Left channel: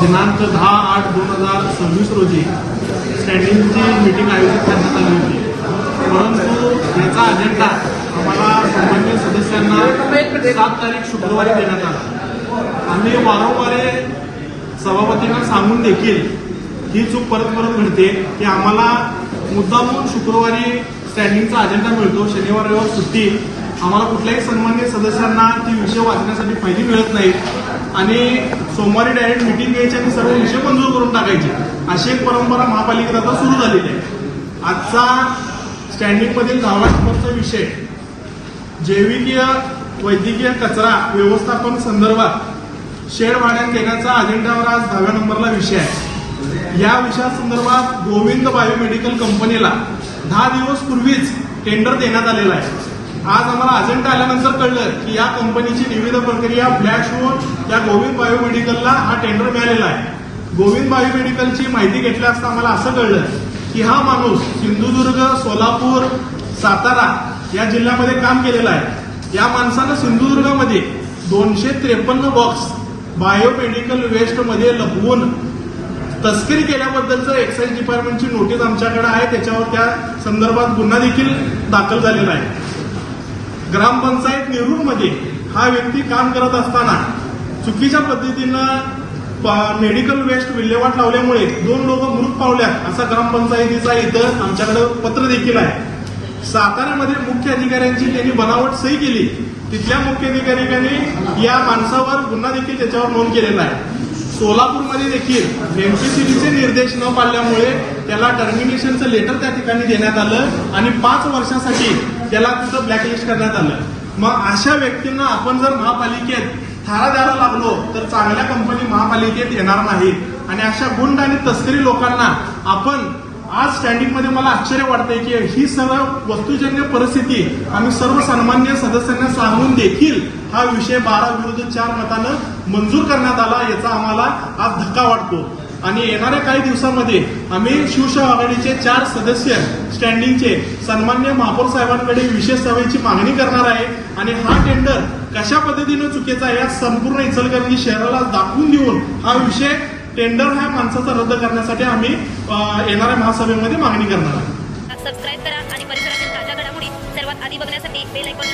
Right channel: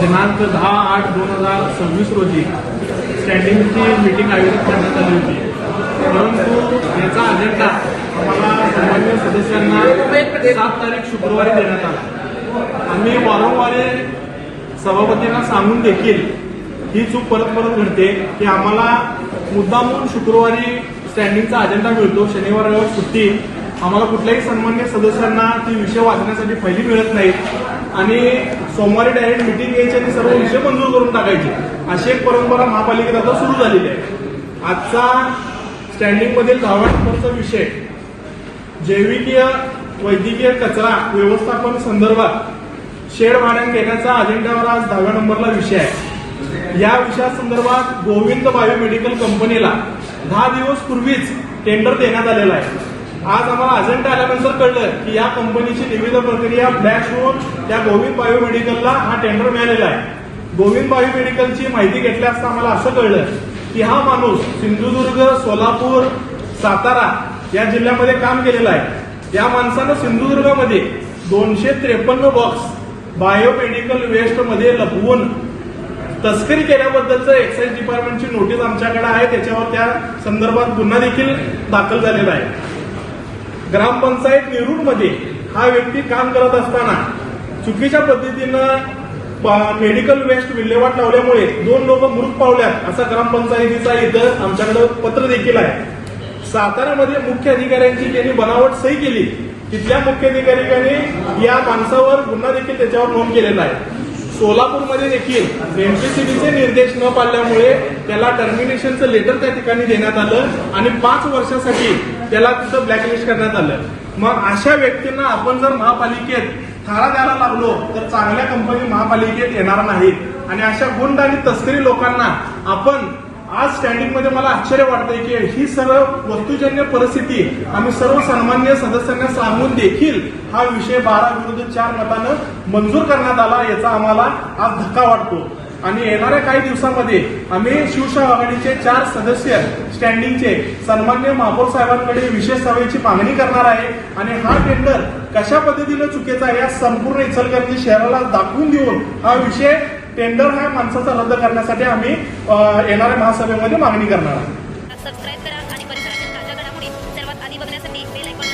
दिनांक 10/8/2026 रोजी स्टँडिंगची मीटिंग आयोजित करण्यात आली होती, परंतु याचा अजेंडा आम्हाला सन्माननीय सदस्यांना 7 तारीख शुक्रवारी देण्यात आला। आम्ही वारंवार सभापतींना सांगून देखील ही चूक परत परत घडते की आम्हाला मुद्दामून शुक्रवारी स्टँडिंगचा अजेंडा मिळतो, शनिवार रविवार सुट्टी, आम्हाला कुठल्याही सन्माननीय सदस्यांना ती विषय वाचण्यासाठी फायली मिळत नाहीत आणि सोमवारी डायरेक्ट मीटिंग घ्यायची आणि सर्व विषय मंजूर करून टाकायची, अशी एक परंपरा महापालिकेत आता सुरू झालेली आहे। आजचा स्टँडिंगमधील 10व्या नंबरचा विषय जैविकीय वैद्यकीय कचरा व्यवस्थापन संदर्भात शेड भाड्याने देण्याचा अजेंड्यावर आज 10व्या नंबरला विषय आहे। या विषयासंदर्भात गोविंद बायोमेडिकल कंपनीला 10 दिवस पूर्वीच टेंडर देण्यात आलेला आहे। आज आम्हाला अजेंडा आल्यानंतर कळलं की या कंपनीची निविदा प्रक्रिया फ्लॅश होऊन या गोविंद बायोमेडिकलला हा टेंडर मिळालेला आहे। गोविंद बायोमेडिकलची माहिती घेतल्या असता आम्हाला असं कळलं की हा माणूस सिंधुदुर्ग, सोलापूर, सातारा या जिल्ह्यामध्ये काम केलेला आहे। या माणसानं सिंधुदुर्गामध्ये 253 बॉक्स बायोमेडिकल वेस्टमध्ये लपवून तस्करी केल्याबद्दलचं एक्साईज डिपार्टमेंटची नोटीस आमच्याकडे आहे, त्याच्यावर त्या संदर्भात गुन्हा देखील दाखल झालेला आहे। ग्रामपंचायत नेरूरमध्ये हा व्यक्ती काम करत असताना चुकीच्या पद्धतीनं मेडिकल वेस्ट विल्हेवाट लावल्यामुळे 2 लोक मृत पावल्यात असा ग्रामपंचायतीचा इथं आमच्याकडे पत्र देखील आहे। साताऱ्यामध्ये मुख्य अधिकाऱ्यांची त्यांनी बनावट सही केली, तिथल्या मुख्य अधिकाऱ्यांनी या माणसावर गुन्हा देखील त्याच्यावर नोंद केलेला आहे। सोलापूरमध्ये देखील एमपीसीबीचे निर्देश न पाळल्यामुळे त्याला टर्मिनेशनचं लेटर त्या ठिकाणी देण्यात आलं आणि 5 वर्षासाठी त्याला तिथं ब्लॅकलिस्ट करण्यात आलं। मग अशा व्यक्तींना आपण जर महापालिकेत थारा द्यायला लागलो तर चांगल्या कंपनी महापालिकेत येणार नाहीत आणि अशा गुंड आणि तस्करी लोकांना आपण आज स्टँडिंगमध्ये मला आश्चर्य वाटतंय की ही सर्व वस्तुजन्य परिस्थिती आम्ही सर्व सन्मान्य सदस्यांना सांगून देखील हा विषय 12-4 मतानं मंजूर करण्यात आला, याचा आम्हाला आज धक्का वाटतो। आणि येणाऱ्या काही दिवसांमध्ये आम्ही शिवसेना आघाडीचे 4 सदस्य स्टँडिंगचे सन्मान्य महापौर साहेबांकडे विशेष सभेची मागणी करणार आहे आणि हा टेंडर कशा पद्धतीनं चुकीचा आहे या संपूर्ण इचलकरंजी शहराला दाखवून देऊन हा विषय टेंडर ह्या माणसाचा रद्द करण्यासाठी आम्ही येणाऱ्या महासभेमध्ये मागणी करणार आहोत। सबस्क्राईब करा आणि परिसरातील ताज्या घडामोडी सर्वात आधी बघण्यासाठी बेल आयकॉन